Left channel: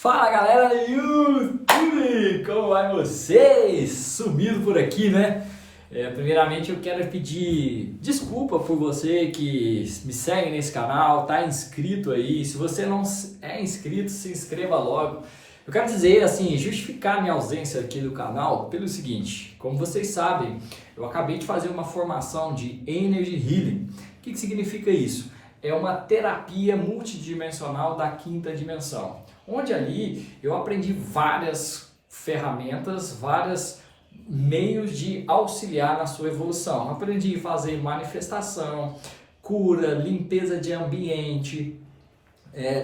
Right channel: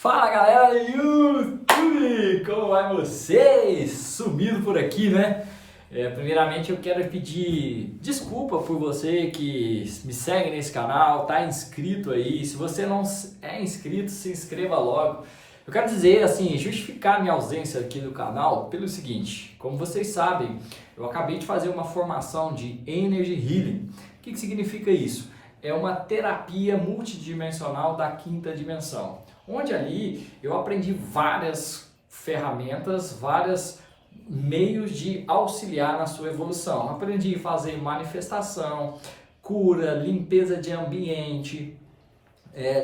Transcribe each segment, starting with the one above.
Fala galera do YouTube, como vai vocês? Sumido por aqui, né? Primeiramente eu quero pedir desculpa por você que me segue nesse canal, tá inscrito aí. Se você não é inscrito, se inscreva logo. Eu quero dizer assim, justificar minha ausência aqui do canal pelo seguinte: como vocês sabem, eu acabei de fazer uma formação de Energy Healing. O que significa isso? É uma terapia multidimensional da quinta dimensão, onde ali eu aprendi várias ferramentas, vários meios de auxiliar na sua evolução. Aprendi a fazer manifestação, cura, limpeza de ambiente,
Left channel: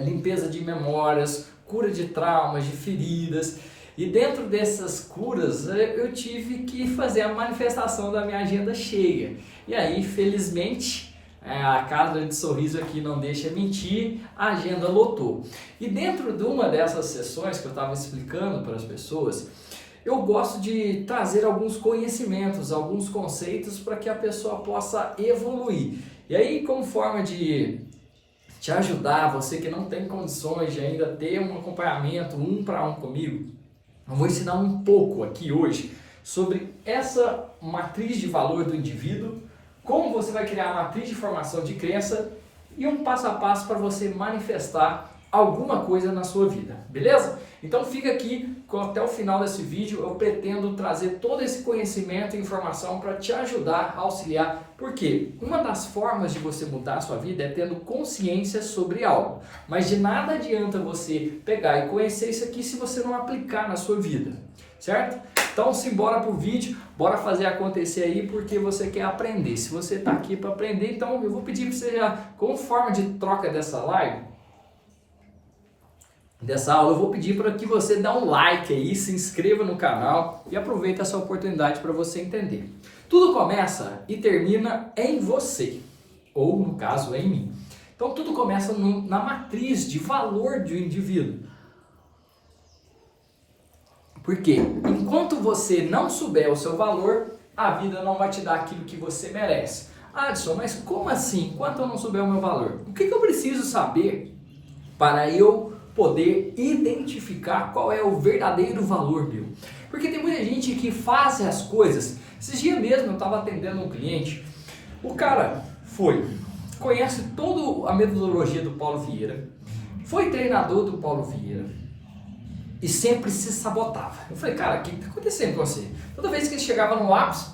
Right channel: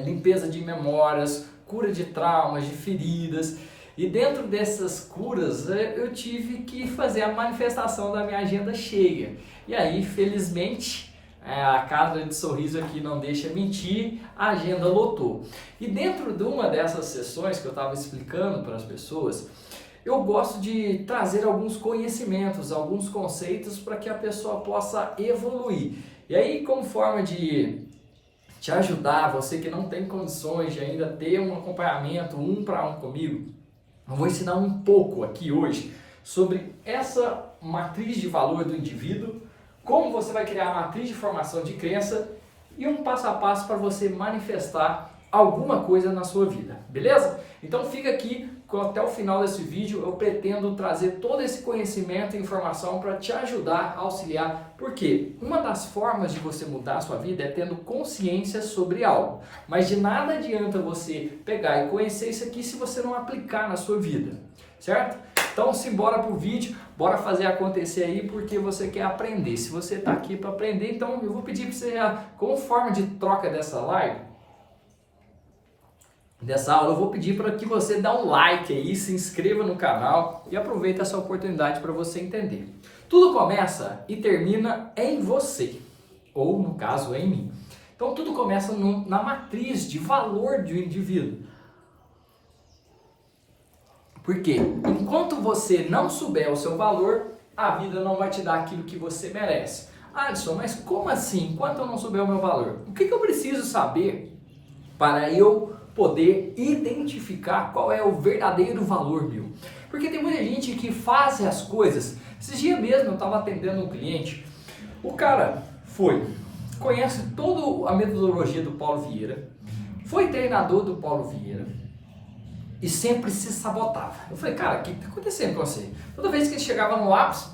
limpeza de memórias, cura de traumas, de feridas. E dentro dessas curas eu tive que fazer a manifestação da minha agenda cheia. E aí, felizmente, a Casa de Sorriso aqui não deixa mentir, a agenda lotou. E dentro de uma dessas sessões que eu estava explicando para as pessoas, eu gosto de trazer alguns conhecimentos, alguns conceitos para que a pessoa possa evoluir. E aí, como forma de te ajudar, você que não tem condições de ainda ter um acompanhamento 1-1 comigo, eu vou ensinar um pouco aqui hoje sobre essa matriz de valor do indivíduo, como você vai criar a matriz de formação de crença e um passo a passo para você manifestar alguma coisa na sua vida, beleza? Então fica aqui até o final desse vídeo. Eu pretendo trazer todo esse conhecimento e informação para te ajudar a auxiliar, porque uma das formas de você mudar a sua vida é tendo consciência sobre algo, mas de nada adianta você pegar e conhecer isso aqui se você não aplicar na sua vida, certo? Então simbora pro vídeo, bora fazer acontecer aí, porque você quer aprender. Se você tá aqui para aprender, então eu vou pedir para você já, como forma de troca dessa live, dessa aula, eu vou pedir para que você dê um like aí, se inscreva no canal e aproveite essa oportunidade para você entender. Tudo começa e termina em você, ou no caso em mim. Então tudo começa na matriz de valor de um indivíduo. Porque enquanto você não souber o seu valor, a vida não vai te dar aquilo que você merece. Adson, mas como assim? Enquanto eu não souber o meu valor? O que eu preciso saber para eu poder identificar qual é o verdadeiro valor meu? Porque tem muita gente que faz as coisas. Esses dias mesmo eu estava atendendo um cliente, o cara conhece toda a metodologia do Paulo Vieira, foi treinador do Paulo Vieira, e sempre se sabotava. Eu falei, cara, o que está acontecendo com você? Toda vez que ele chegava no ápice,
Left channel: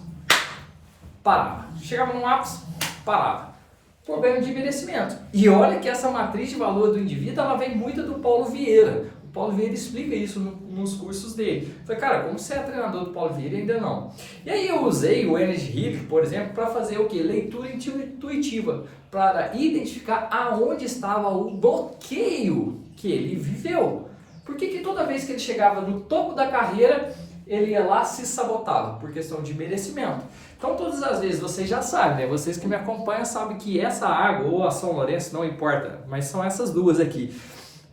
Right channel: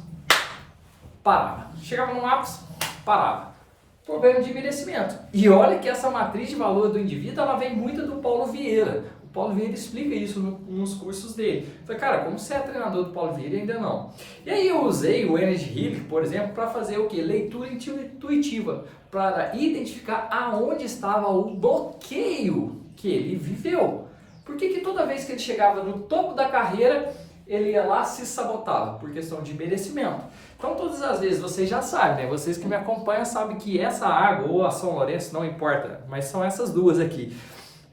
parava. Chegava no ápice, parava. Problema de merecimento. E olha que essa matriz de valor do indivíduo, ela vem muito do Paulo Vieira. O Paulo Vieira explica isso nos cursos dele. Eu falei, cara, como você é treinador do Paulo Vieira? Ainda não. E aí eu usei o Energy Healing, por exemplo, para fazer o quê? Leitura intuitiva. Para identificar aonde estava o bloqueio que ele viveu. Por que toda vez que ele chegava no topo da carreira, ele ia lá e se sabotava? Por questão de merecimento. Então todas as vezes, vocês já sabem, né? Vocês que me acompanham sabem que essa água ou a São Lourenço, não importa, mas são essas duas aqui,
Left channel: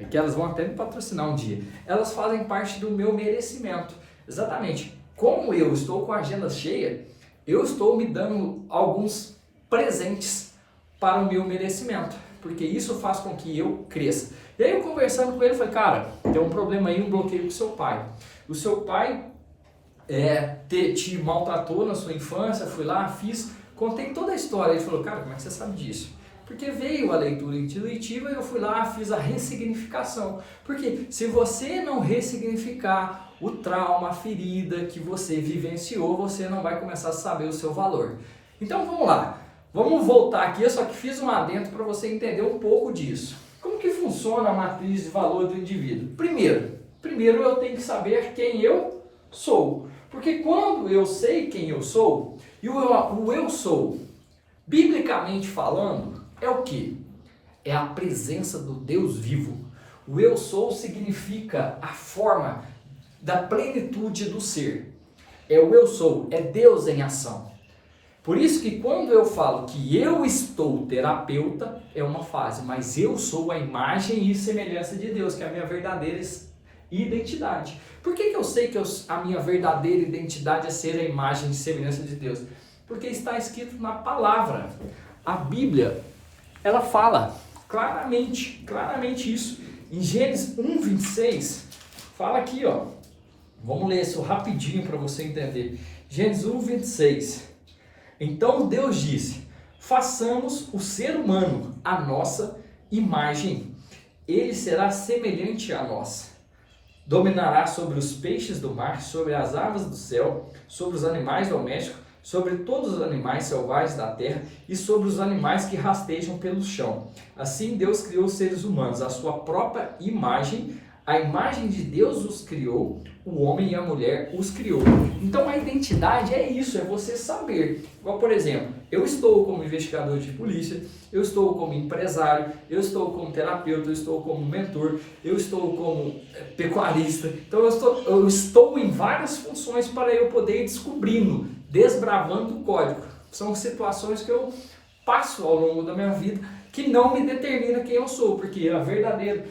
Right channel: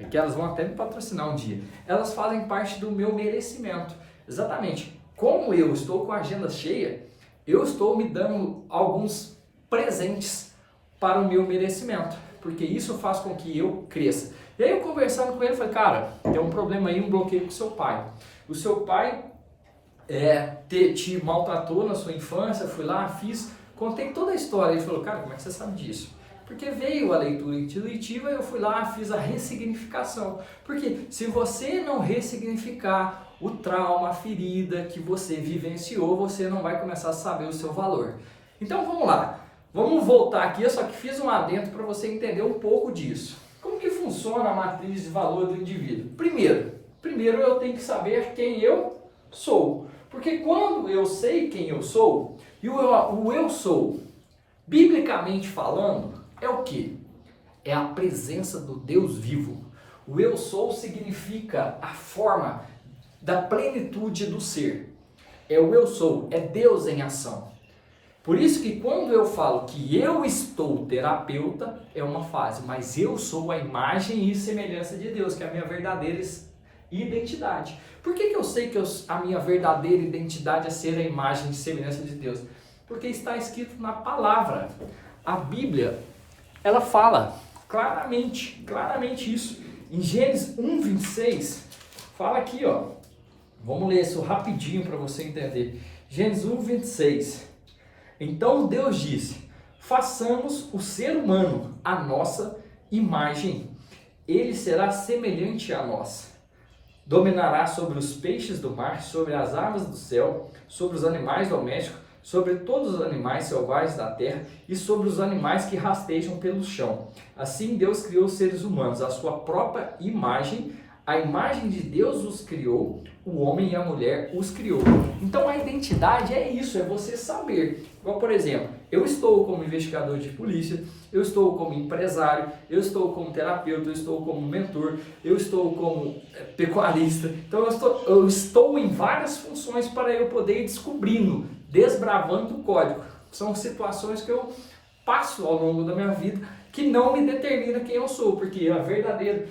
que elas vão até me patrocinar um dia. Elas fazem parte do meu merecimento. Exatamente. Como eu estou com a agenda cheia, eu estou me dando alguns presentes para o meu merecimento, porque isso faz com que eu cresça. E aí eu conversando com ele, falei, cara, tem um problema aí, um bloqueio com o seu pai. O seu pai te maltratou na sua infância, fui lá, contei toda a história. Ele falou, cara, como é que você sabe disso? Porque veio a leitura intuitiva e eu fui lá, fiz a ressignificação. Porque se você não ressignificar o trauma, a ferida que você vivenciou, você não vai começar a saber o seu valor. Então vamos lá, vamos voltar aqui, eu só que fiz um adendo para você entender um pouco disso. Como que funciona a matriz de valor do indivíduo? Primeiro eu tenho que saber quem eu sou. Porque quando eu sei quem eu sou, e o eu sou, biblicamente falando, é o quê? É a presença do Deus vivo. O eu sou significa a forma da plenitude do ser. É o eu sou, é Deus em ação. Por isso que quando eu falo que eu estou terapeuta, é uma fase, mas eu sou a imagem e semelhança de Deus, que é a minha verdadeira identidade. Por que eu sei que a minha verdadeira identidade é ser a imagem e semelhança de Deus? Porque está escrito na palavra. A Bíblia, ela fala claramente isso, Em Gênesis 1:26, fala aqui, ó. Vamos ler isso rapidinho para você entender. Gênesis 1:26. Então Deus disse: façamos o ser humano à nossa imagem. Ele será semelhante a nós. Dominará sobre os peixes do mar, sobre as aves do céu, sobre os animais domésticos, sobre todos os animais selvagens da terra e sobre os animais que rastejam pelo chão. Assim Deus criou os seres humanos, à sua própria imagem. A imagem de Deus os criou, o homem e a mulher os criou. Então a identidade é isso, é você saber. Igual, por exemplo, eu estou como investigador de polícia, eu estou como empresário, eu estou como terapeuta, eu estou como mentor, eu estou como pecuarista. Então eu estou em várias funções para eu poder ir descobrindo, desbravando o código. São situações que eu passo ao longo da minha vida que não me determina quem eu sou, porque a verdadeira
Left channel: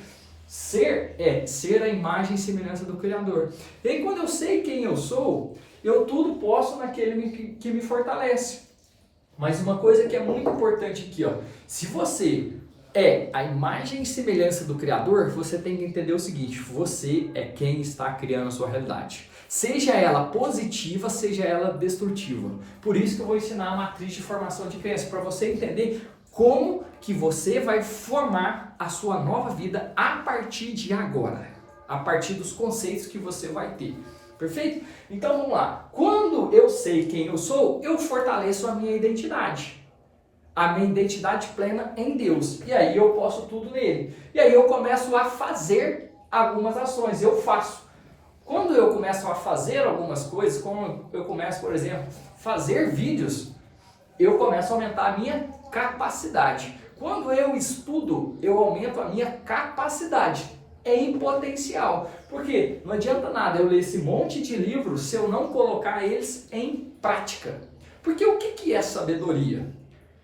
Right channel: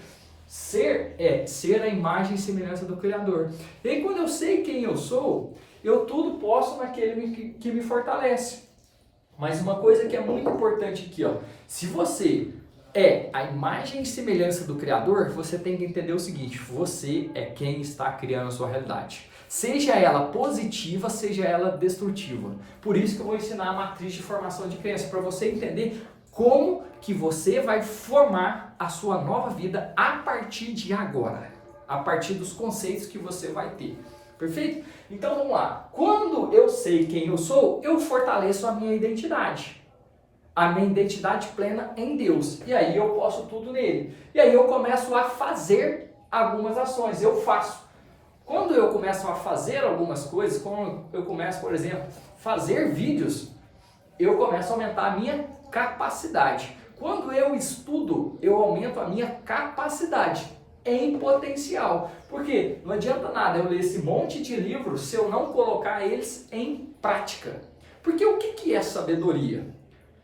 ser é ser a imagem e semelhança do Criador. E aí, quando eu sei quem eu sou, eu tudo posso naquele que me fortalece. Mas uma coisa que é muito importante aqui, ó, se você é a imagem e semelhança do Criador, você tem que entender o seguinte: você é quem está criando a sua realidade. Seja ela positiva, seja ela destrutiva. Por isso que eu vou ensinar a matriz de formação de crença, para você entender como que você vai formar a sua nova vida a partir de agora, a partir dos conceitos que você vai ter. Perfeito? Então vamos lá. Quando eu sei quem eu sou, eu fortaleço a minha identidade plena em Deus. E aí eu posso tudo nele. E aí eu começo a fazer algumas ações. Eu faço. Quando eu começo a fazer algumas coisas, como eu começo, por exemplo, fazer vídeos, eu começo a aumentar a minha capacidade. Quando eu estudo, eu aumento a minha capacidade em potencial. Porque não adianta nada eu ler esse monte de livros se eu não colocar eles em prática. Porque o que é sabedoria?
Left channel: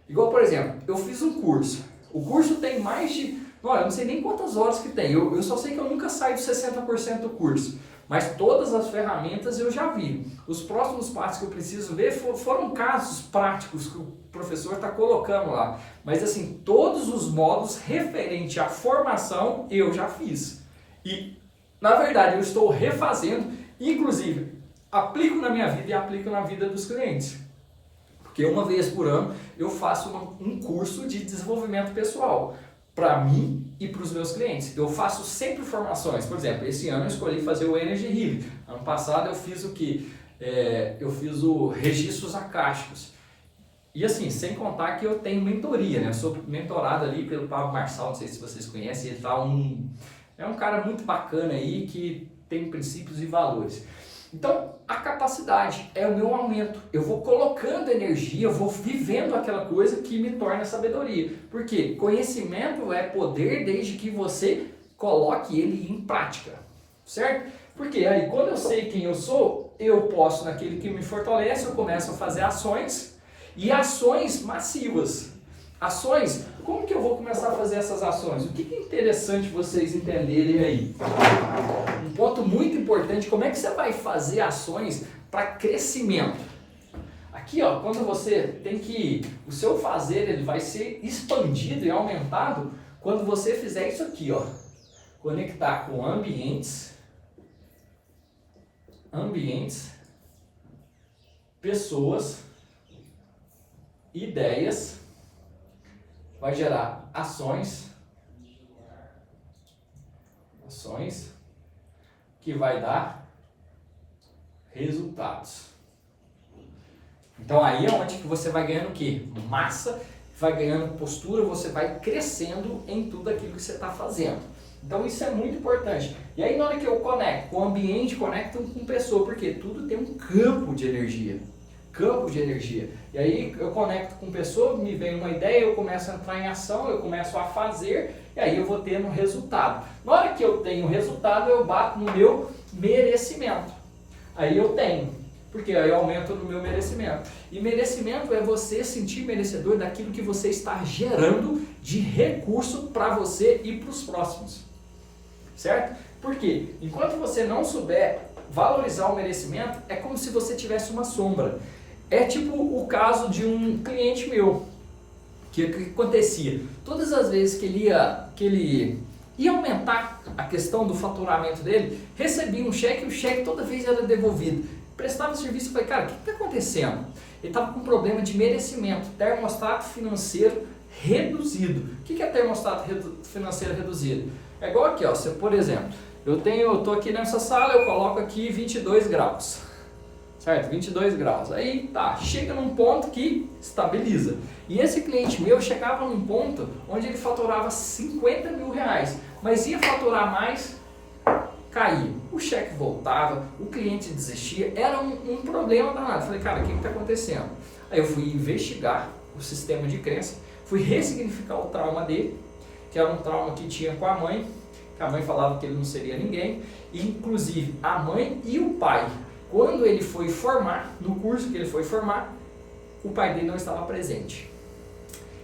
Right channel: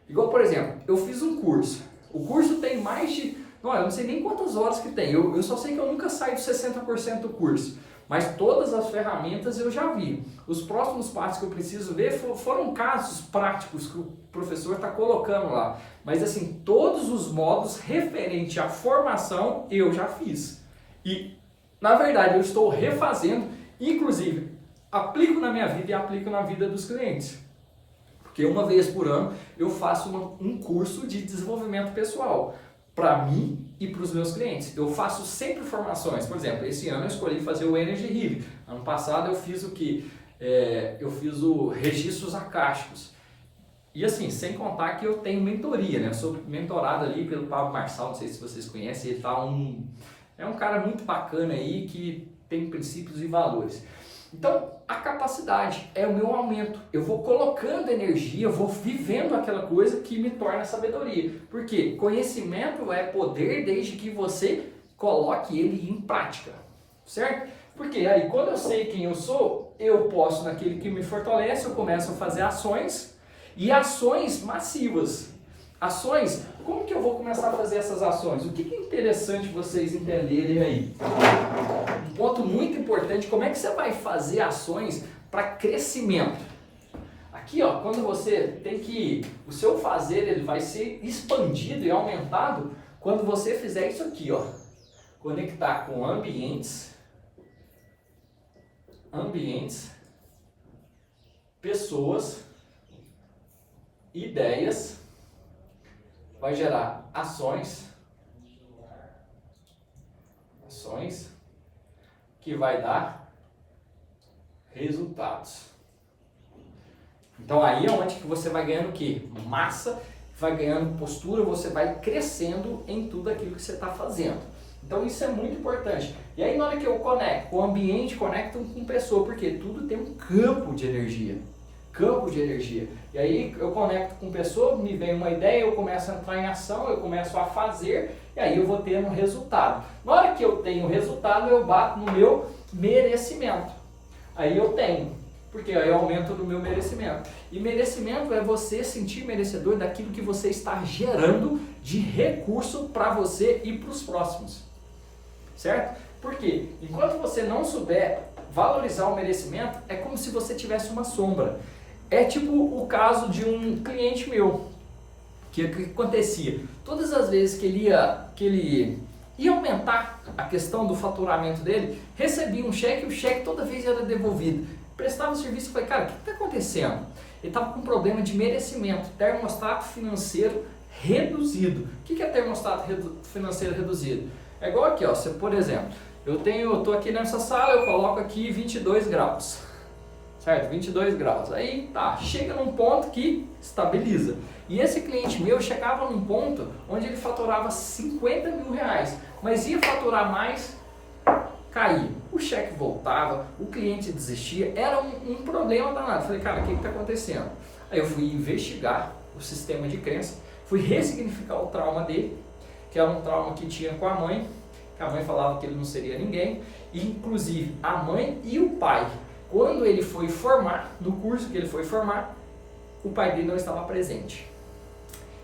Igual, por exemplo, eu fiz um curso. O curso tem mais de... eu não sei nem quantas horas que tem. Eu só sei que eu nunca saio de 60% do curso. Mas todas as ferramentas eu já vi. Os próximos passos que eu preciso ver foram casos práticos que o professor está colocando lá. Mas assim, todos os modos referente à formação eu já fiz. E, na verdade, eu estou refazendo, inclusive, aplico na minha vida e aplico na vida dos clientes. Porque uma vez por ano eu faço um curso de desenvolvimento pessoal para mim e para os meus clientes. Eu faço sempre formações. Por exemplo, esse ano eu escolhi fazer o Energy Healing. Ano passado eu fiz o que? Eu fiz o registros acásticos. E assim, sem contar que eu tenho mentoria, né? Eu sou mentorado ali pelo Pablo Marçal, não sei se vocês conhecem, ele é um cara muito bacana aí que tem princípios e valores. Então, a capacidade é o meu aumento. Eu vou colocando energia, eu vou vivendo aquela coisa que me torna sabedoria. Porque conhecimento é poder desde que você coloque ele em prática, certo? Porque aí, quando eu sei quem eu sou, eu posso, naquele que me fortalece, eu começo a fazer ações e ações massivas. Ações, como que eu vou começar a fazer essas ações? O que é interessante vocês entenderem aí? Um ponto muito importante, como é que você vai fazer ações para crescimento? Aqui, ó, quando você tem que... O seu fazer, ele vai ser expandido e aumentado quando você fizer isso aqui, ó. Conectar com ambientes, pessoas, ideias, vai gerar ações que vai dar resultados. Então aí é onde que você vai ganhando o quê? Massa, vai ganhando postura, você vai crescendo em tudo aquilo que você está fazendo. Então isso é muito importante. E aí na hora que eu conecto com o ambiente, conecto com pessoa, porque tudo tem um campo de energia. E aí eu conecto com pessoa, me vem uma ideia, eu começo a entrar em ação, eu começo a fazer, e aí eu vou tendo resultado. Na hora que eu tenho resultado, eu bato no meu merecimento. Aí eu tenho, porque aí eu aumento no meu merecimento. E merecimento é você sentir merecedor daquilo que você está gerando de recurso para você e para os próximos. Certo? Porque enquanto você não souber valorizar o merecimento, é como se você tivesse uma sombra. É tipo o caso de um cliente meu, que acontecia, todas as vezes que ele ia aumentar a questão do faturamento dele, recebia um cheque e o cheque toda vez era devolvido. Prestava serviço e falei, cara, o que está acontecendo? Ele estava com problema de merecimento, termostato financeiro reduzido. O que é termostato financeiro reduzido? É igual aqui, ó, você, por exemplo, eu estou aqui nessa sala, eu coloco aqui 22 graus, certo? 22 graus, aí tá, chega num ponto que estabiliza. E esse cliente meu chegava num ponto onde ele faturava 50 mil reais, mas ia faturar mais, caía. O cheque voltava, o cliente desistia, era um problema danado. Falei, cara, o que está acontecendo? Aí eu fui investigar o sistema de crença, fui ressignificar o trauma dele, que era um trauma que tinha com a mãe, que a mãe falava que ele não seria ninguém, e inclusive a mãe e o pai, quando ele foi formar, no curso que ele foi formar, o pai dele não estava presente.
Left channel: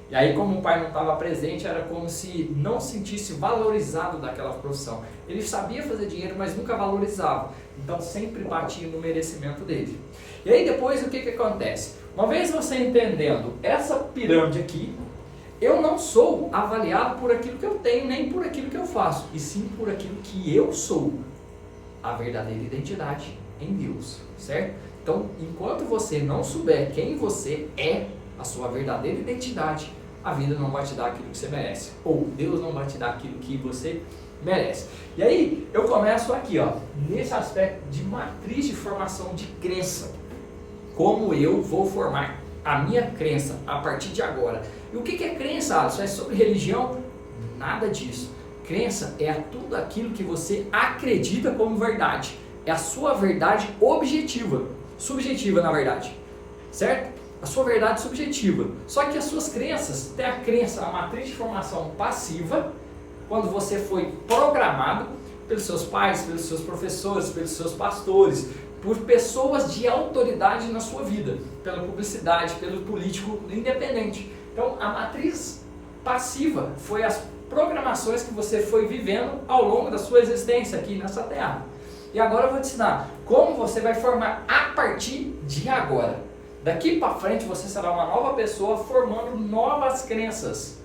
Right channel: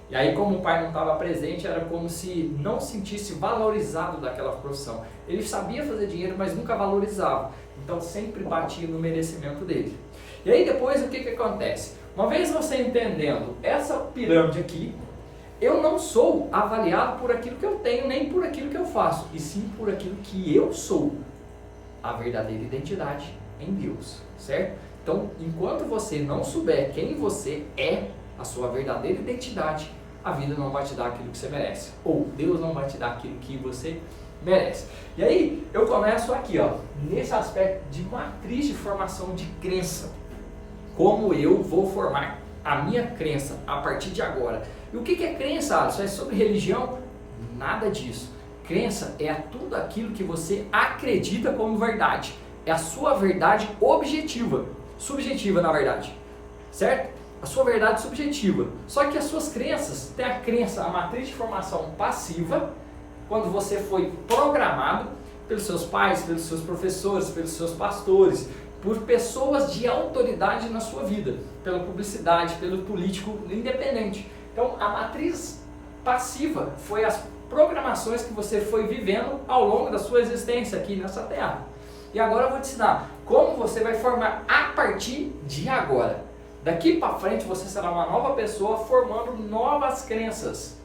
E aí, como o pai não estava presente, era como se não sentisse valorizado daquela profissão. Ele sabia fazer dinheiro, mas nunca valorizava. Então, sempre batia no merecimento dele. E aí, depois, o que acontece? Uma vez você entendendo essa pirâmide aqui, eu não sou avaliado por aquilo que eu tenho, nem por aquilo que eu faço, e sim por aquilo que eu sou. A verdadeira identidade em Deus, certo? Então, enquanto você não souber quem você é, a sua verdadeira identidade, a vida não vai te dar aquilo que você merece, ou Deus não vai te dar aquilo que você merece. E aí, eu começo aqui, ó, nesse aspecto de matriz de formação de crença. Como eu vou formar a minha crença a partir de agora. E o que é crença, Alisson? É sobre religião? Nada disso. Crença é tudo aquilo que você acredita como verdade. É a sua verdade objetiva, subjetiva na verdade, certo? A sua verdade subjetiva. Só que as suas crenças, tem a crença, a matriz de formação passiva, quando você foi programado pelos seus pais, pelos seus professores, pelos seus pastores, por pessoas de autoridade na sua vida, pela publicidade, pelo político independente. Então, a matriz passiva foi as programações que você foi vivendo ao longo da sua existência aqui nessa terra. E agora eu vou te ensinar como você vai formar a partir de agora. Daqui para frente você será uma nova pessoa formando novas crenças,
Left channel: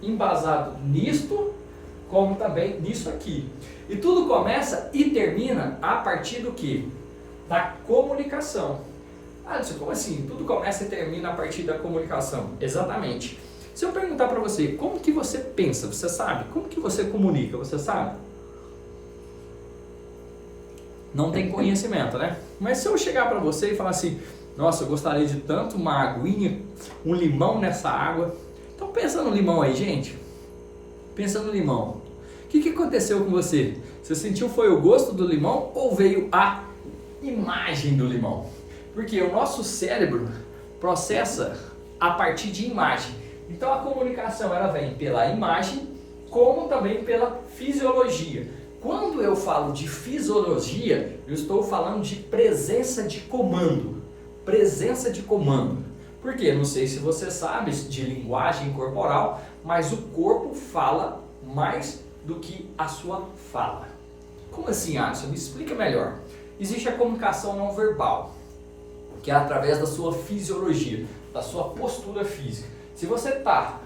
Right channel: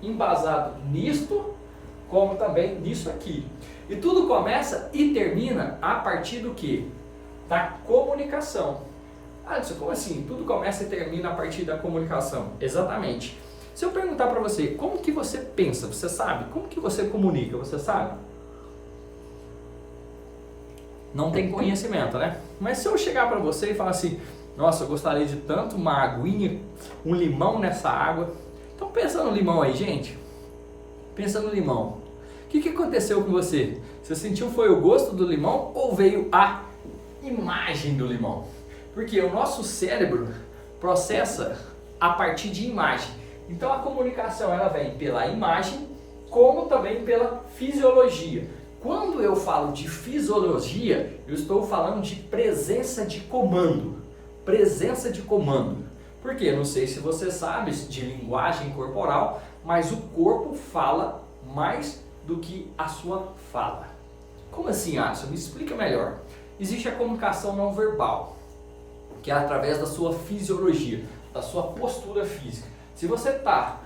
embasado nisto, como também nisso aqui. E tudo começa e termina a partir do quê? Da comunicação. Alisson, como assim? Tudo começa e termina a partir da comunicação. Exatamente. Se eu perguntar para você, como que você pensa? Você sabe? Como que você comunica? Você sabe? Não tem conhecimento, né? Mas se eu chegar para você e falar assim, nossa, eu gostaria de tanto uma aguinha, um limão nessa água. Então pensa no limão aí, gente. Pensa no limão. O que aconteceu com você? Você sentiu foi o gosto do limão ou veio a imagem do limão? Porque o nosso cérebro processa a partir de imagem. Então a comunicação ela vem pela imagem, como também pela fisiologia. Quando eu falo de fisiologia, eu estou falando de presença de comando. Presença de comando. Porque não sei se você sabe de linguagem corporal, mas o corpo fala mais do que a sua fala. Como assim, Alisson? Me explica melhor. Existe a comunicação não verbal, que é através da sua fisiologia, da sua postura física. Se você está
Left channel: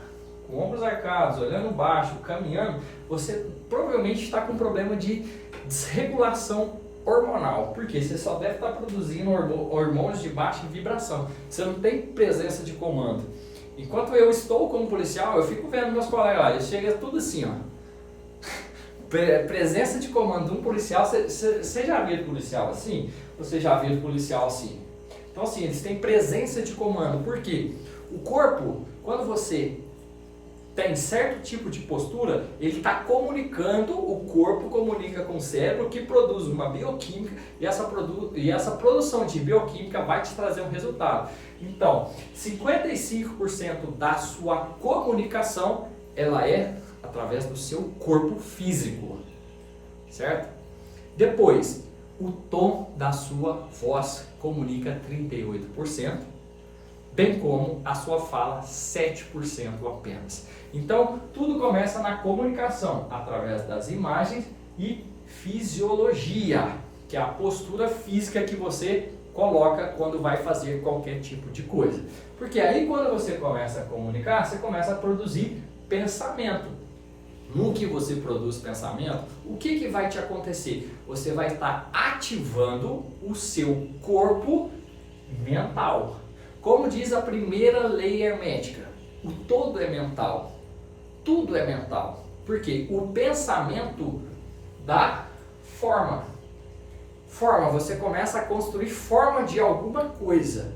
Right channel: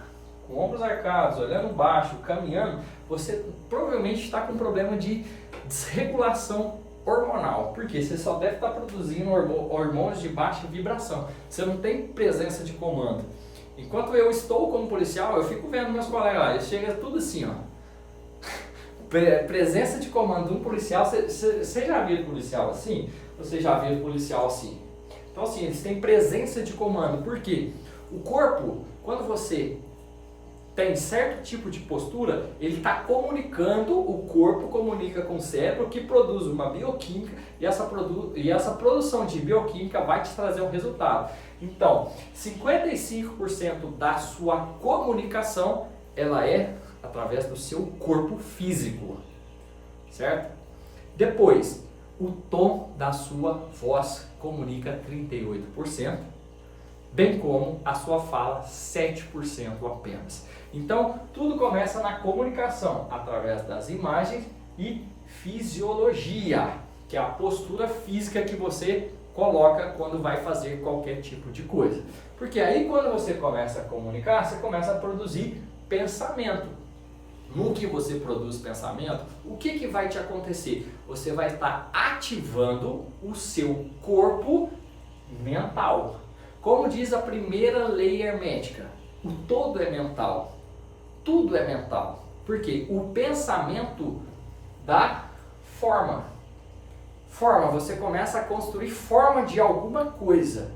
com ombros arcados, olhando baixo, caminhando, você provavelmente está com um problema de desregulação hormonal, porque você só deve estar produzindo hormônios de baixa vibração. Você não tem presença de comando. Enquanto eu estou como policial, eu fico vendo meus colegas lá, eles chegam tudo assim, ó. Presença de comando de um policial, você já viu policial assim? Você já viu policial assim? Então assim, eles têm presença de comando, porque o corpo, quando você tem certo tipo de postura, ele está comunicando, o corpo comunica com o cérebro que produz uma bioquímica e essa produção de bioquímica vai te trazer um resultado. Então, 55% da sua comunicação, ela é através do seu corpo físico, certo? Depois, o tom da sua voz comunica 38%, bem como a sua fala 7% apenas. Então, tudo começa na comunicação, através das imagens e fisiologia, que é a postura física que você coloca quando vai fazer qualquer tipo de coisa. Porque aí quando você começa a comunicar, você começa a produzir pensamento. no que você produz pensamento, o que vai te acontecer? Você vai estar ativando o seu corpo mental. Como diz a primeira lei hermética, o todo é mental, tudo é mental. Porque o pensamento dá forma. Forma, você começa a construir forma de alguma coisa.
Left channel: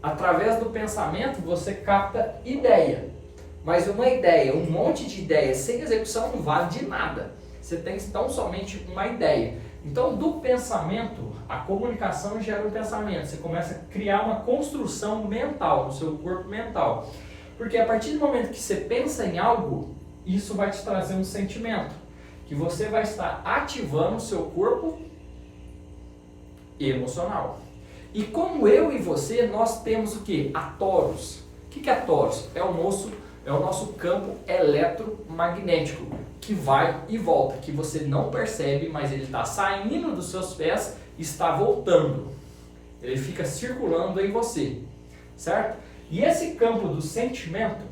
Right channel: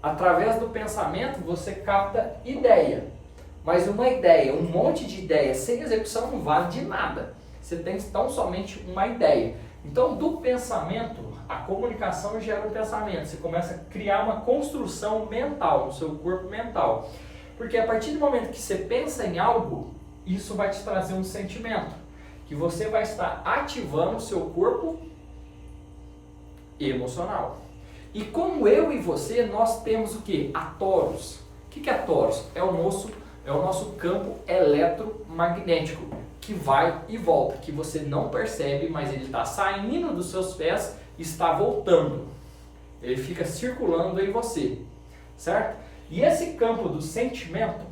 Através do pensamento você capta ideia. Mas uma ideia, um monte de ideias sem execução não vale de nada. Você tem tão somente uma ideia. Então, do pensamento, a comunicação gera um pensamento. Você começa a criar uma construção mental, no seu corpo mental. Porque a partir do momento que você pensa em algo, isso vai te trazer um sentimento. Que você vai estar ativando o seu corpo emocional. E como eu e você, nós temos o que? A torus. O que é a torus? É o nosso campo eletromagnético, que vai e volta, que você não percebe, mas ele está saindo dos seus pés e está voltando. Ele fica circulando em você, certo? E esse campo do sentimento,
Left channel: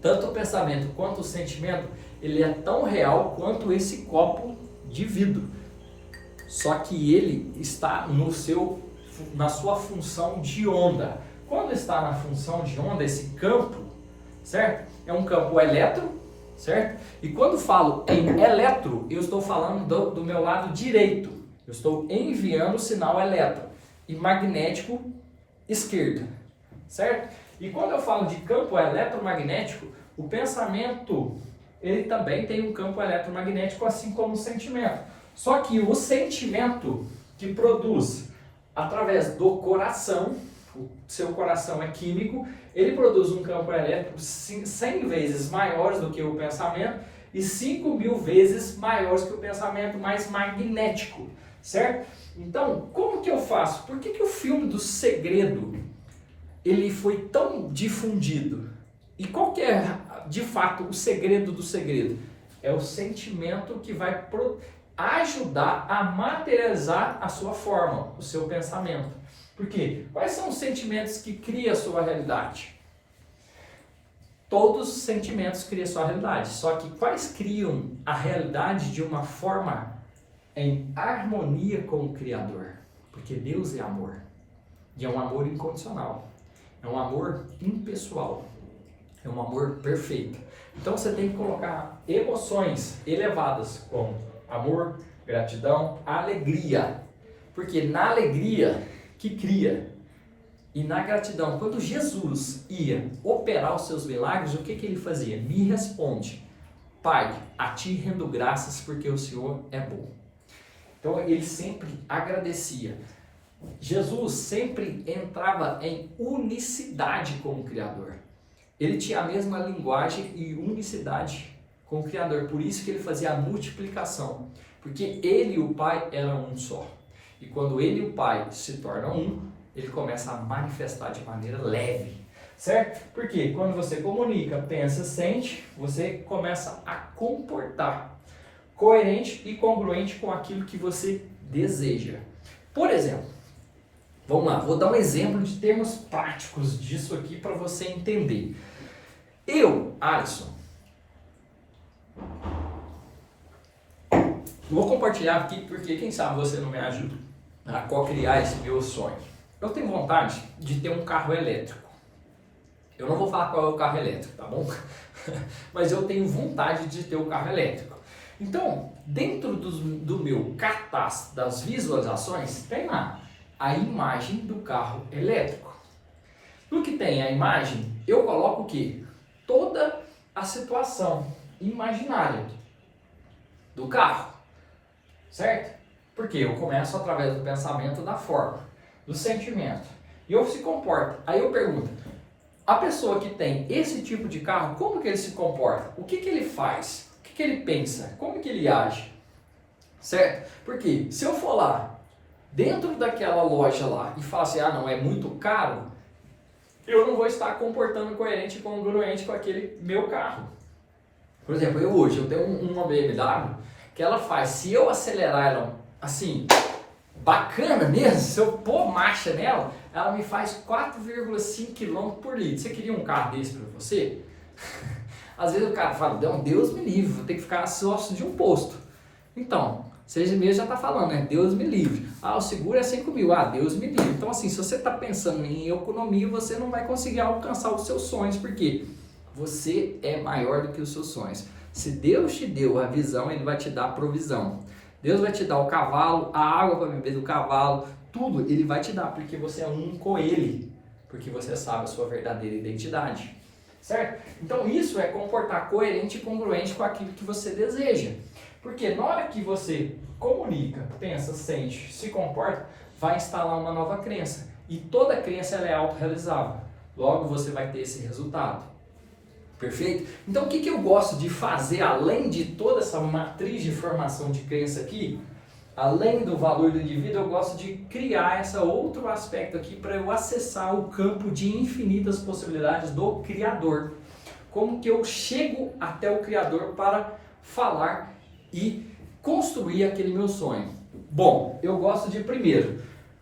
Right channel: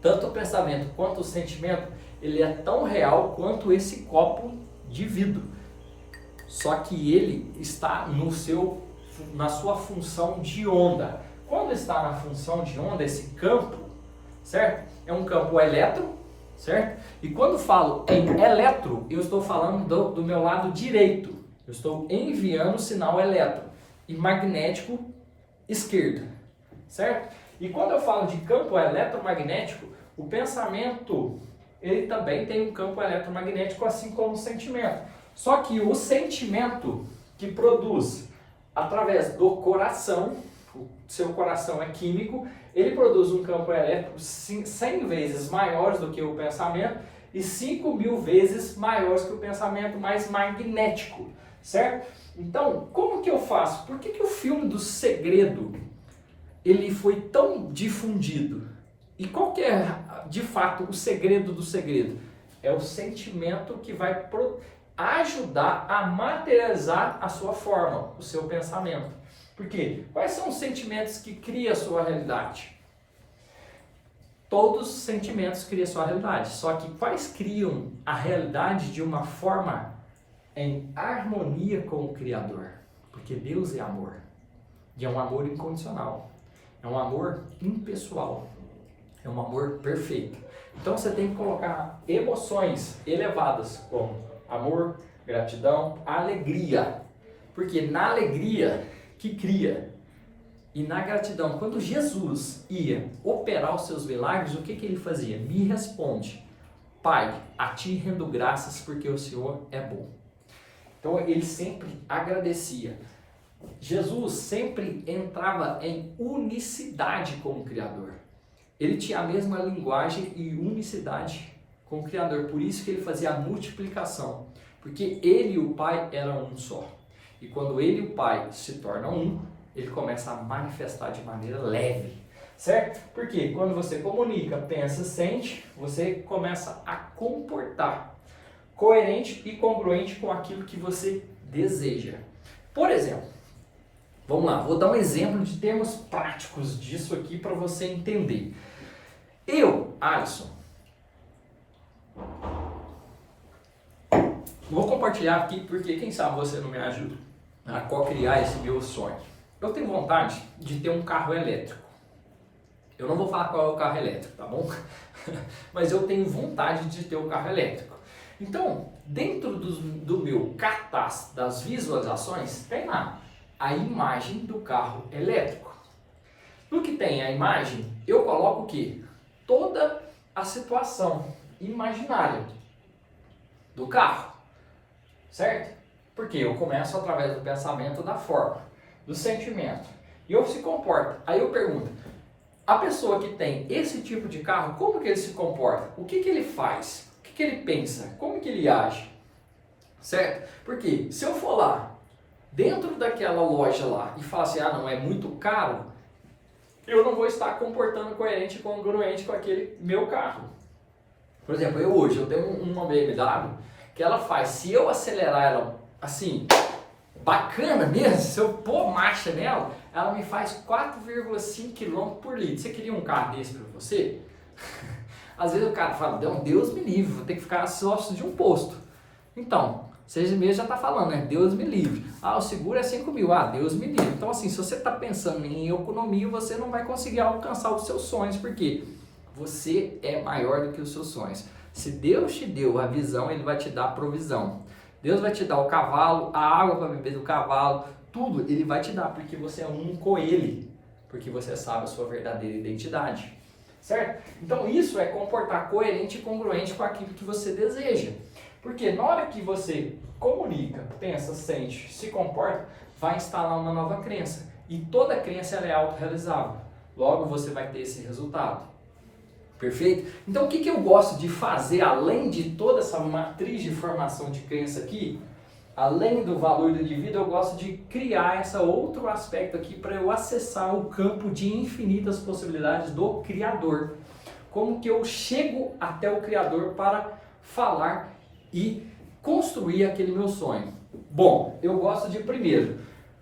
tanto o pensamento quanto o sentimento, ele é tão real quanto esse copo de vidro. Só que ele está na sua função de onda. Quando está na função de onda, esse campo, certo? É um campo elétron, certo? E quando falo em eletro, eu estou falando do meu lado direito. Eu estou enviando o sinal elétron e magnético esquerdo, certo? E quando eu falo de campo eletromagnético, o pensamento, ele também tem um campo eletromagnético, assim como o sentimento. Só que o sentimento que produz através do coração, o seu coração é químico, ele produz um campo elétrico 100 vezes maior do que o pensamento e 5.000 vezes maior que o pensamento mais magnético, certo? Então, como que eu faço? Por que o filme do Segredo ele foi tão difundido? E qual que é, de fato, o segredo do segredo? É o sentimento que vai ajudar a materializar a sua forma, o seu pensamento. Por quê? Quais são os sentimentos que criam a sua realidade? Todos os sentimentos criam a sua realidade, só que quais criam a realidade de uma forma em harmonia com o Criador? Porque Deus é amor, e é um amor incondicional, é um amor impessoal, é um amor perfeito. Então você tem que colocar emoções elevadas como amor, gratidão, alegria. Porque na alegria que cria e na gratidão, quando Jesus ia operar os seus milagres, o que ele fazia? Me responde, Pai, a ti rendo graças porque o Senhor é bom. Então ele sempre agradecia. Jesus sempre entrava em unicidade com o Criador. Ele tinha a mesma linguagem e unicidade com o Criador. Por isso que ele fazia a multiplicação. Porque ele e o Pai eram um só. E quando ele e o Pai se tornam um, ele começa a manifestar de maneira leve. Certo? Porque quando você comunica, pensa, sente, você começa a comportar coerente e congruente com aquilo que você deseja. Por exemplo, vamos lá, vou dar um exemplo de termos práticos disso aqui para você entender. Eu, Alisson, vou compartilhar aqui porque quem sabe você não me ajuda a co-criar esse meu sonho. Eu tenho vontade de ter um carro elétrico. Eu não vou falar qual é o carro elétrico, tá bom? Mas eu tenho vontade de ter o carro elétrico. Então, dentro do meu cartaz das visualizações, tem lá a imagem do carro elétrico. No que tem a imagem, eu coloco o quê? Toda a situação imaginária do carro, certo? Porque eu começo através do pensamento, da forma, do sentimento. E eu se comporto. Aí eu pergunto, a pessoa que tem esse tipo de carro, como que ele se comporta? O que ele faz? O que ele pensa? Como que ele age? Certo? Porque se eu for lá, dentro daquela loja lá, e falar assim, ah não, é muito caro, eu não vou estar comportando coerente e congruente com aquele meu carro. Por exemplo, eu tenho uma BMW que ela faz, se eu acelerar ela assim, bacana mesmo, se eu pôr marcha nela, ela me faz 4,5 km por litro. Você queria um carro desse para você? Às vezes o cara fala, não, Deus me livre, vou ter que ficar sócio de um posto. Então, vocês mesmos já está falando, né? Deus me livre. Ah, o seguro é 5 mil. Ah, Deus me livre. Então, assim, se você está pensando em economia, você não vai conseguir alcançar os seus sonhos, porque você é maior do que os seus sonhos. Se Deus te deu a visão, Ele vai te dar a provisão. Deus vai te dar o cavalo, a água para beber do cavalo, tudo Ele vai te dar, porque você é um com Ele, porque você sabe a sua verdadeira identidade, certo? Então isso é comportar coerente e congruente com aquilo que você deseja, porque na hora que você comunica, pensa, sente, se comporta, vai instalar uma nova crença, e toda crença ela é autorrealizável, logo você vai ter esse resultado. Perfeito? Então o que eu gosto de fazer, além de toda essa matriz de formação de crença aqui, além do valor do indivíduo, eu gosto de criar esse outro aspecto aqui para eu acessar o campo de infinitas possibilidades do Criador. Como que eu chego até o Criador para falar e construir aquele meu sonho? Bom, eu gosto de primeiro,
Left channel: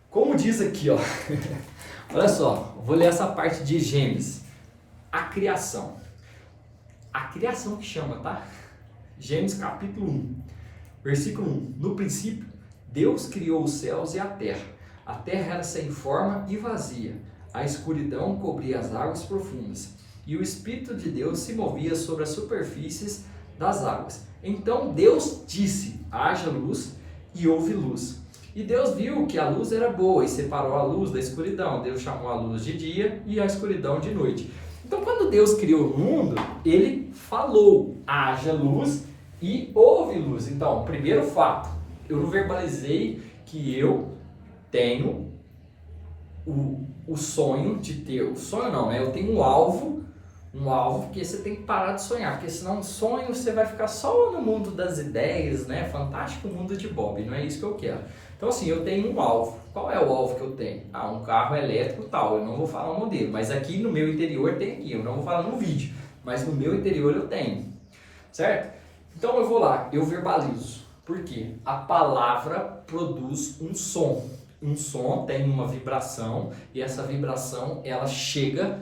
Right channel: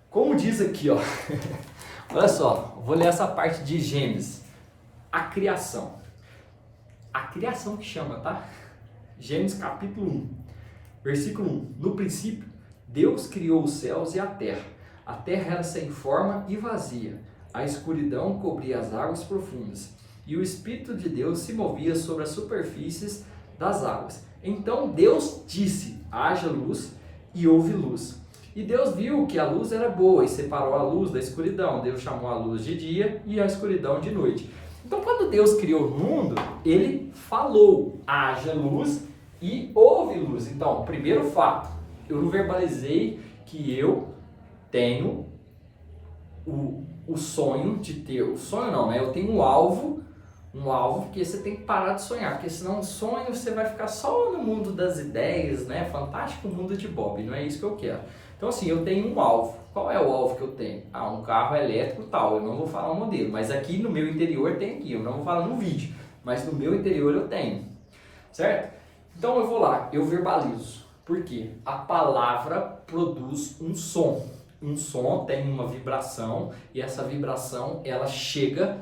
como diz aqui, ó, olha só, vou ler essa parte de Gênesis, a criação. A criação que chama, tá? Gênesis capítulo 1, versículo 1. No princípio, Deus criou os céus e a terra. A terra era sem forma e vazia. A escuridão cobria as águas profundas. E o Espírito de Deus se movia sobre as superfícies das águas. Então Deus disse, haja luz, e houve luz. E Deus viu que a luz era boa e separou a luz da escuridão. Deus chamou a luz de dia e a escuridão de noite. Então, quando Deus criou o mundo, Ele falou, haja luz e houve luz. Então, primeiro fato, eu verbalizei que eu tenho o sonho de ter, o sonho não, eu tenho um alvo, porque você tem que parar de sonhar, porque senão sonho você vai ficar só no mundo das ideias, né? Fantástico mundo de Bob, não é isso que eu quero. Então, assim, eu tenho um alvo. Qual é o alvo que eu tenho? Ah, um carro elétrico tal, eu não vou falar o modelo, mas aqui no meu interior tem aqui, eu não vou falar no vídeo, mas no meu interior eu tenho, certo? Então eu vou lá, eu verbalizo, porque a palavra produz um som tem uma vibração, e essa vibração ela chega,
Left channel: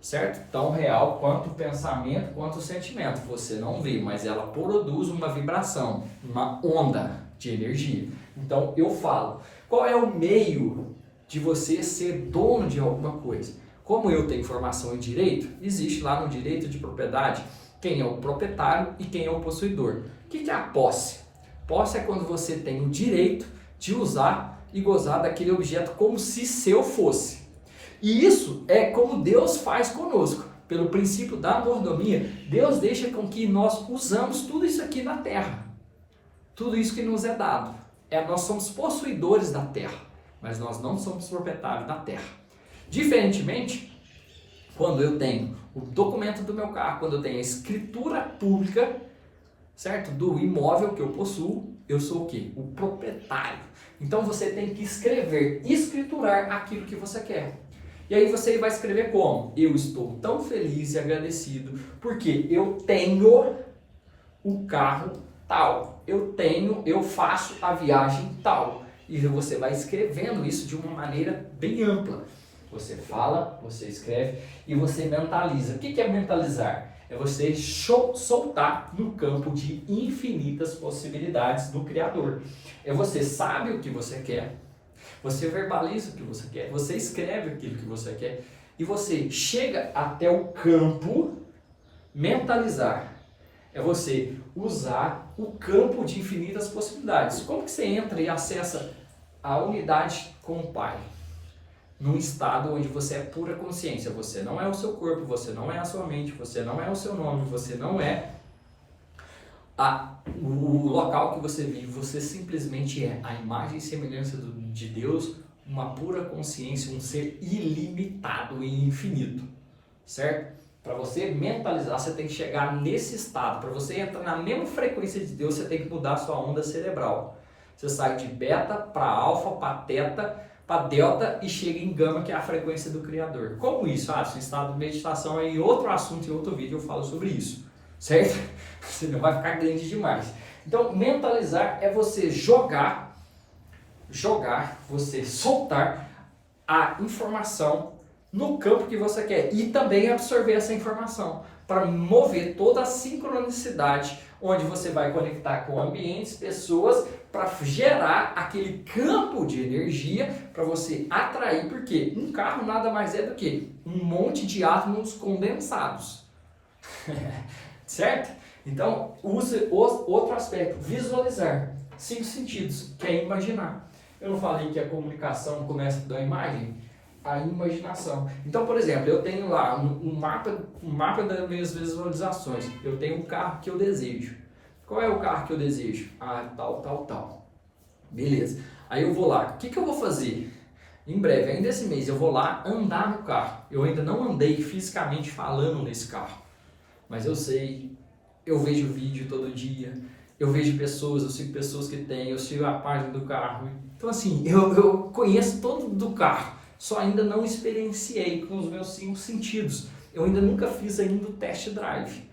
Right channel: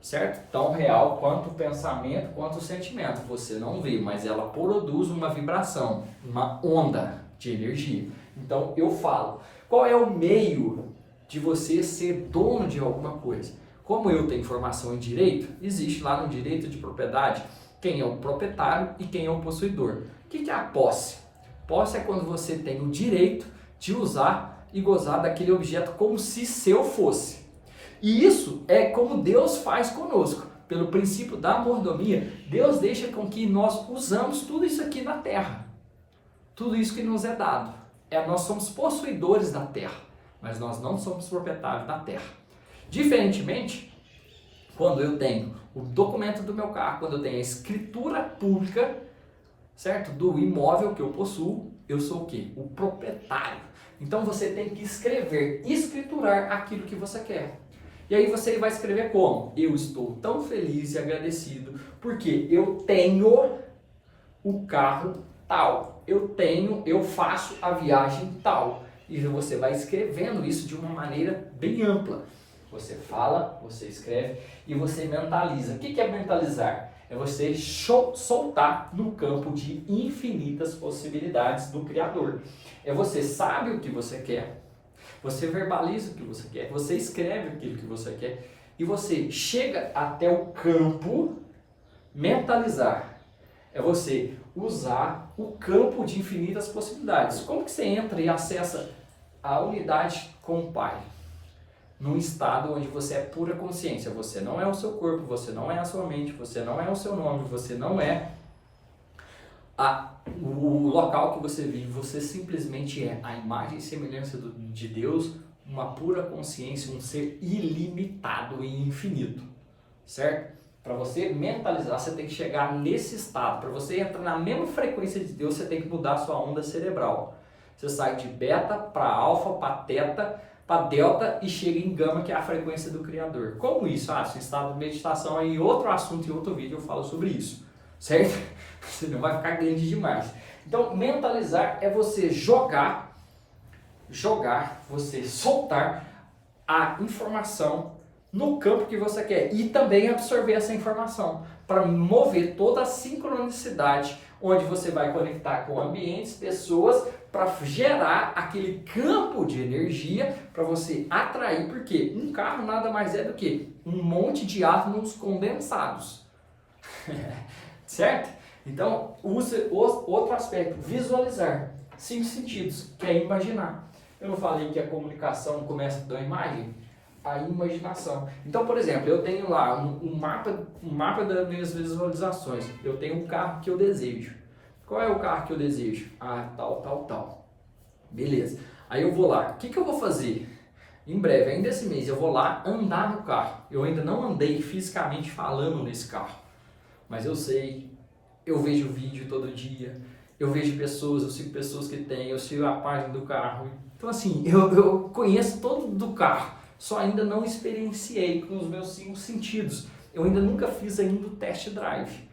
certo? Tão real quanto o pensamento, quanto o sentimento, você não vê, mas ela produz uma vibração, uma onda de energia. Então eu falo, qual é o meio de você ser dono de alguma coisa? Como eu tenho formação em direito, existe lá no direito de propriedade quem é o proprietário e quem é o possuidor. O que é a posse? Posse é quando você tem o direito de usar e gozar daquele objeto como se seu fosse. E isso é como Deus faz conosco. Pelo princípio da mordomia, Deus deixa com que nós usamos tudo isso aqui na terra. Tudo isso que nos é dado. Nós somos possuidores da terra, mas nós não somos proprietários da terra. Diferentemente, quando eu tenho o documento do meu carro, quando eu tenho a escritura pública, certo? Do imóvel que eu possuo, eu sou o quê? O proprietário. Então você tem que escrever, escriturar aquilo que você quer. E aí você vai escrever como? Eu estou tão feliz e agradecido porque eu tenho o carro tal. Eu faço a viagem tal. E você vai escrevendo isso de uma maneira bem ampla. Você fala, você escreve e você mentaliza. O que é mentalizar? É você soltar no campo de infinitas possibilidades do Criador. É você sabe o que você quer, você verbaliza o que você quer, você escreve aquilo que você quer e você chega até o campo mentalizar. É você usar o campo de infinitas possibilidades. Como que você entra e acessa a unidade com o Pai? Num estado onde você é pura consciência, você não é o seu corpo, você não é a sua mente, você não é o seu nome, você não é o local que você vive, você simplesmente é a imagem e semelhança de Deus, uma pura consciência, um ser ilimitado e infinito, certo? Para você mentalizar, você tem que chegar nesse estado, para você entrar na mesma frequência de Deus, você tem que mudar a sua onda cerebral. Você sai de beta para alfa, para teta, para delta e chega em gama, que é a frequência do Criador. Como isso? Esse estado de meditação é em outro assunto, em outro vídeo eu falo sobre isso, certo? Senão vai ficar grande demais. Então, mentalizar é você jogar, você soltar a informação no campo que você quer e também absorver essa informação para mover toda a sincronicidade, onde você vai conectar com ambientes, pessoas, para gerar aquele campo de energia para você atrair, porque um carro nada mais é do que um monte de átomos condensados, certo? Então, use outro aspecto, visualizar, 5 sentidos, que é imaginar. Eu não falei que a comunicação começa da imagem? A imaginação. Então, por exemplo, eu tenho lá um mapa das minhas visualizações. Eu tenho um carro que eu desejo. Qual é o carro que eu desejo? Ah, tal. Beleza. Aí eu vou lá. O que eu vou fazer? Em breve, ainda esse mês, eu vou lá andar no carro. Eu ainda não andei fisicamente falando nesse carro. Mas eu sei, eu vejo vídeo todo dia, eu vejo pessoas, eu sigo pessoas que têm, eu sigo a página do carro. Então assim, eu conheço todo do carro. Só ainda não experienciei com os meus 5 sentidos. Eu ainda nunca fiz ainda o test drive.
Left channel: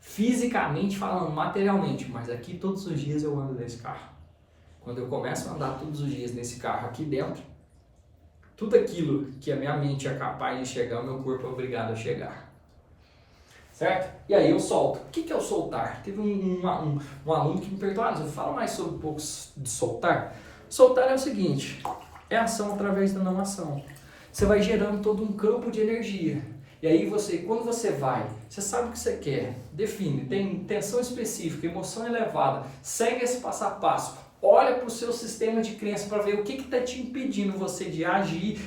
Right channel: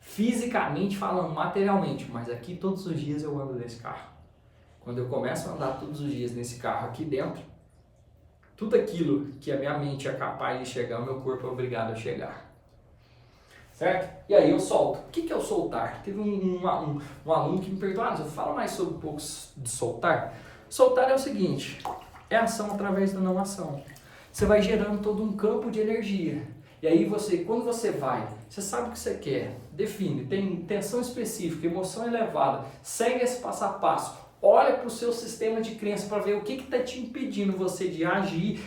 Fisicamente falando, materialmente, mas aqui todos os dias eu ando nesse carro. Quando eu começo a andar todos os dias nesse carro aqui dentro, tudo aquilo que a minha mente é capaz de chegar, o meu corpo é obrigado a chegar. Certo? E aí eu solto. O que é o soltar? Teve um aluno que me perguntou, eu falo mais sobre um pouco de soltar. Soltar é o seguinte, é ação através da não ação. Você vai gerando todo um campo de energia. E aí quando você vai, você sabe o que você quer, define, tem intenção específica, emoção elevada, segue esse passo a passo, olha para o seu sistema de crença para ver o que está te impedindo você de agir,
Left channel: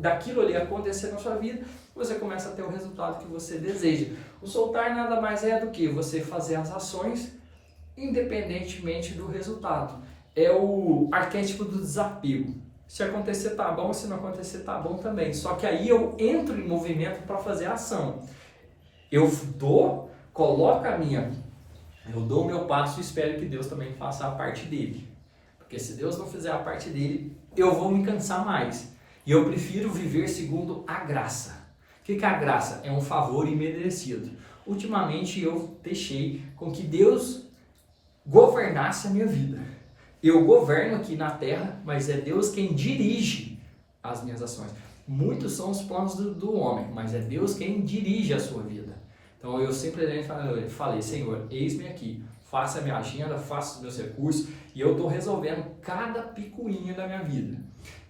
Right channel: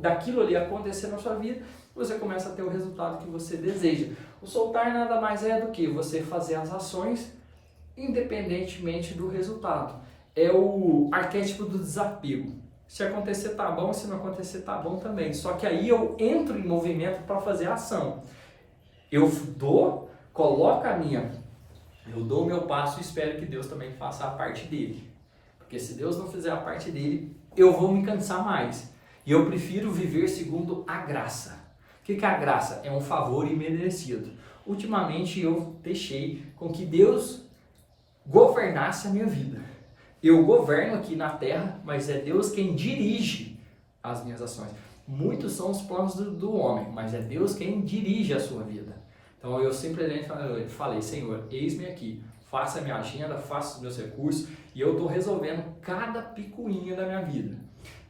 daquilo ali acontecer na sua vida, você começa a ter o resultado que você deseja. O soltar nada mais é do que você fazer as ações independentemente do resultado. É o arquétipo do desapego. Se acontecer tá bom, se não acontecer tá bom também. Só que aí eu entro em movimento para fazer a ação. Eu dou o meu passo e espero que Deus também faça a parte dele. Porque se Deus não fizer a parte dele, eu vou me cansar mais. E eu prefiro viver segundo a graça. O que é a graça? É um favor imerecido. Ultimamente eu deixei com que Deus governasse a minha vida. Eu governo aqui na terra, mas é Deus quem dirige as minhas ações. Muitos são os planos do homem, mas é Deus quem dirige a sua vida. Então eu simplesmente falei, Senhor, eis-me aqui, faça a minha agenda, faça os meus recursos, e eu estou resolvendo cada picuinha da minha vida.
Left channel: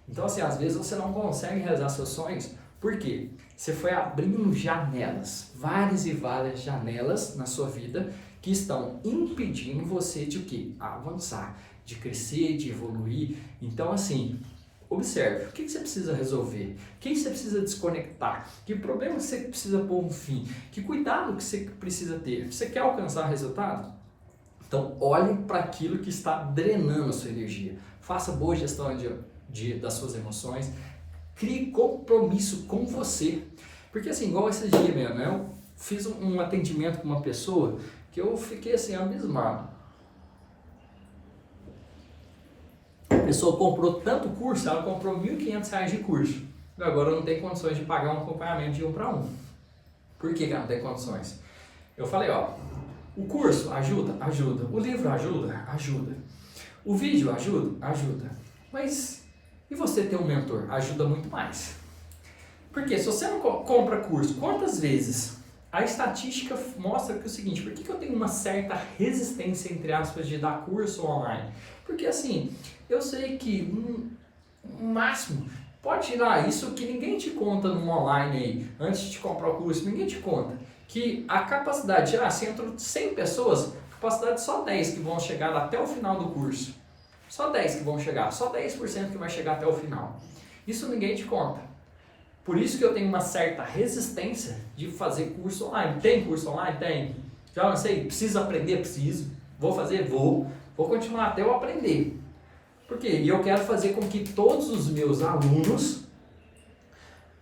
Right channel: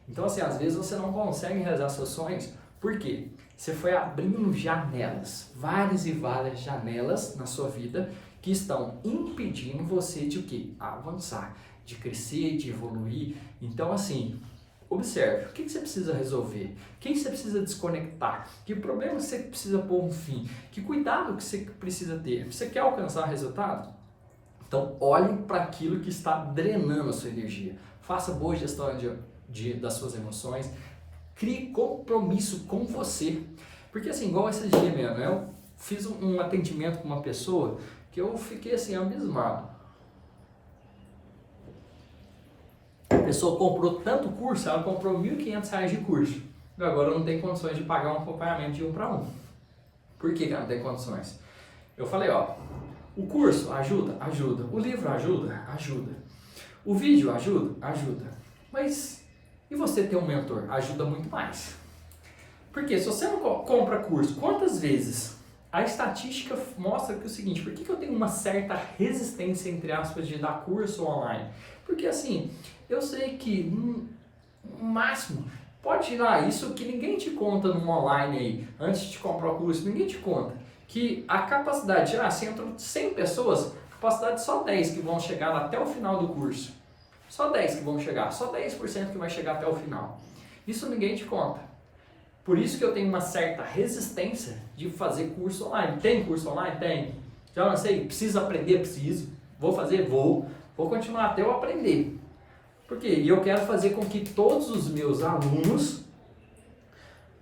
Então assim, às vezes você não consegue realizar seus sonhos, por quê? Você foi abrindo janelas, várias e várias janelas na sua vida, que estão impedindo você de o quê? Avançar, de crescer, de evoluir. Então assim, observe, o que você precisa resolver? O que você precisa desconectar? Que problema você precisa pôr um fim? Que cuidado que você precisa ter? Você quer alcançar resultado? Então olhe para aquilo que está drenando a sua energia. Faça boa gestão das suas emoções. Crie compromisso com você. Porque assim, igual esse dia mesmo, eu fiz um atendimento com uma pessoa que eu fiquei assim, abismado. A pessoa comprou tanto curso, ela comprou R$1.500 de curso. E agora não tem condições de pagar um acompanhamento de 1 para 1. Por que ela não tem condições? Eu falei, o curso ajuda? Ajuda. O livro ajuda? Ajuda. O vídeo ajuda? Ajuda. Mas e você ter um mentor? Ajuda muito mais. Porque se você não compra curso, quantas vezes? A estatística mostra que é o seguinte, por que eu tenho uma certa resistência, entre aspas, de dar curso online? Porque assim, eu sei que no máximo, pode tirar isso que ninguém te conta no online aí, antes de comprar o curso, ninguém te conta. Que a capacidade, se entram 100 pessoas, a capacidade só 10 que vão chegar até o final do curso. Só 10 que vão chegar, só 10% que vai chegar até o final. Isso ninguém te conta. Por isso que eu tenho uma certa resistência de fazer curso online. Tem curso online? Tem. Já não sei, preciso aprender? Preciso. Vou fazer? Vou. Vou continuar até eu aprender. Por quê? E eu quero fazer com que todos os meus alunos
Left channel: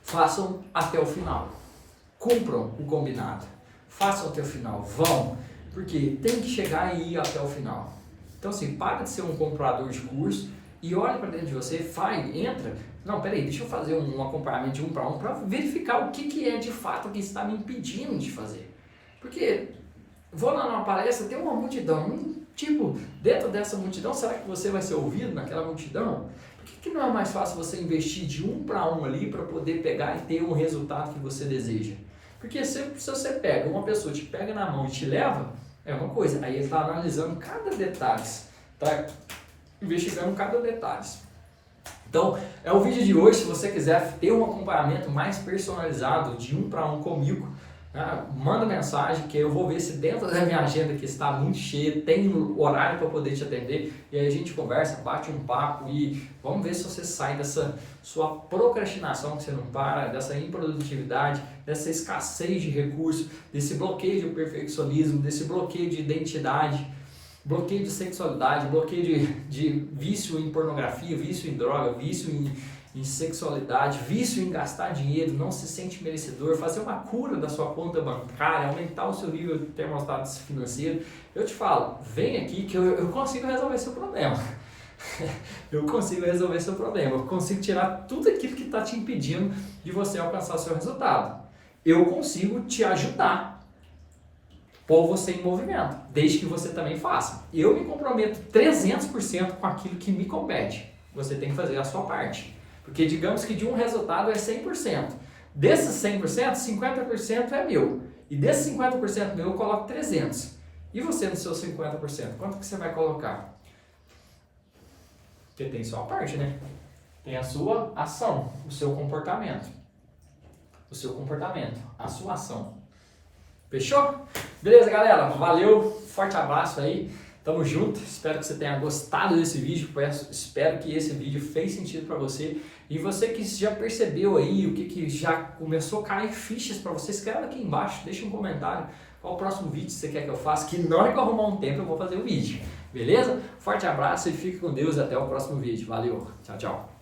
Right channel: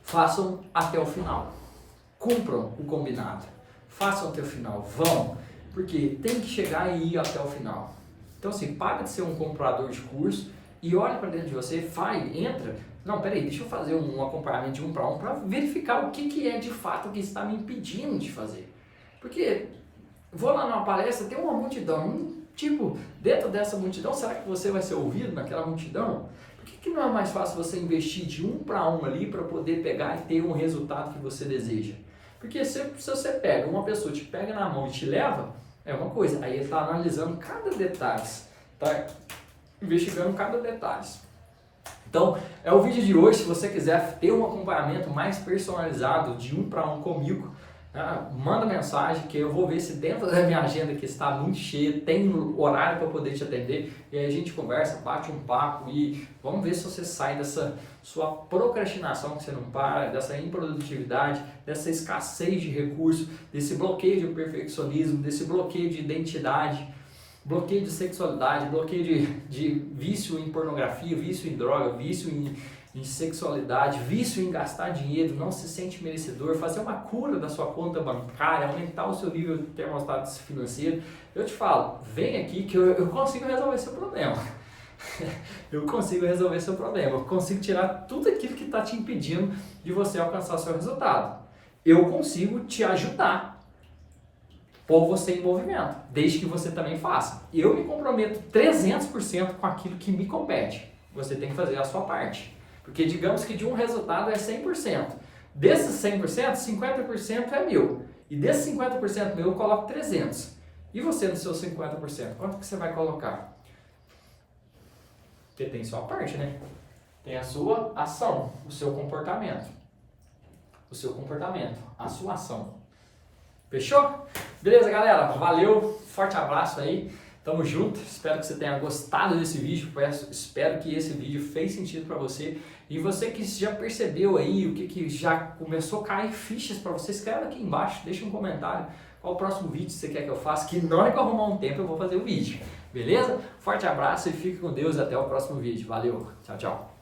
façam até o final. Cumpram o combinado. Façam até o final. Vão. Porque tem que chegar e ir até o final. Então assim, para de ser um comprador de curso e olha para dentro de você, entra. Não, peraí, deixa eu fazer um acompanhamento de 1 para 1 para verificar o que é de fato que está me impedindo de fazer. Porque vou lá numa palestra, tem uma multidão, dentro dessa multidão, será que você vai ser ouvido naquela multidão? Por que não é mais fácil você investir de 1 para 1 ali para poder pegar e ter um resultado que você deseja? Porque se você pega, uma pessoa te pega na mão e te leva, é uma coisa. Aí ele está analisando cada detalhe, está investigando cada detalhe. Então, é o vídeo de hoje. Se você quiser ter um acompanhamento mais personalizado, de 1 para 1 comigo, manda mensagem que eu vou ver se dentro da minha agenda que está muito cheia, tem horário para poder te atender, e aí a gente conversa, bate um papo e vamos ver se você sai dessa sua procrastinação que você não para, dessa improdutividade, dessa escassez de recursos, desse bloqueio de perfeccionismo, desse bloqueio de identidade, bloqueio de sexualidade, bloqueio de vício em pornografia, vício em droga, vício em sexualidade, vício em gastar dinheiro, não se sente merecedor, fazer uma cura da sua conta bancária, aumentar o seu nível de termostato financeiro. Eu te falo, vem aqui que eu consigo resolver seu problema. Eu consigo resolver seu problema, eu consigo tirar tudo aquilo que está te impedindo de você alcançar seu resultado. Eu consigo te ajudar, pôr você em movimento, desde que você também faça. Eu me comprometo 300% com aquilo que me compete. Você tem que fazer a sua parte. Porque digamos que de um resultado é 100%. Desses 100%, 50% é meu. E desses 50% meu, eu coloco 300. E você no seu 50%, quanto que você vai colocar? Porque tem sua parte, né? Tem a sua ação, o seu comportamento. O seu comportamento, a sua ação. Fechou? Beleza, galera? Valeu, forte abraço aí. Tamo junto, espero que você tenha gostado desse vídeo, espero que esse vídeo fez sentido para você. E você que já percebeu aí o que já começou a cair fichas para você, escreve aqui embaixo, deixa um comentário qual o próximo vídeo você quer que eu faça, que na hora que eu arrumar um tempo eu vou fazer o vídeo, beleza? Forte abraço e fique com Deus, até o próximo vídeo. Valeu, tchau, tchau.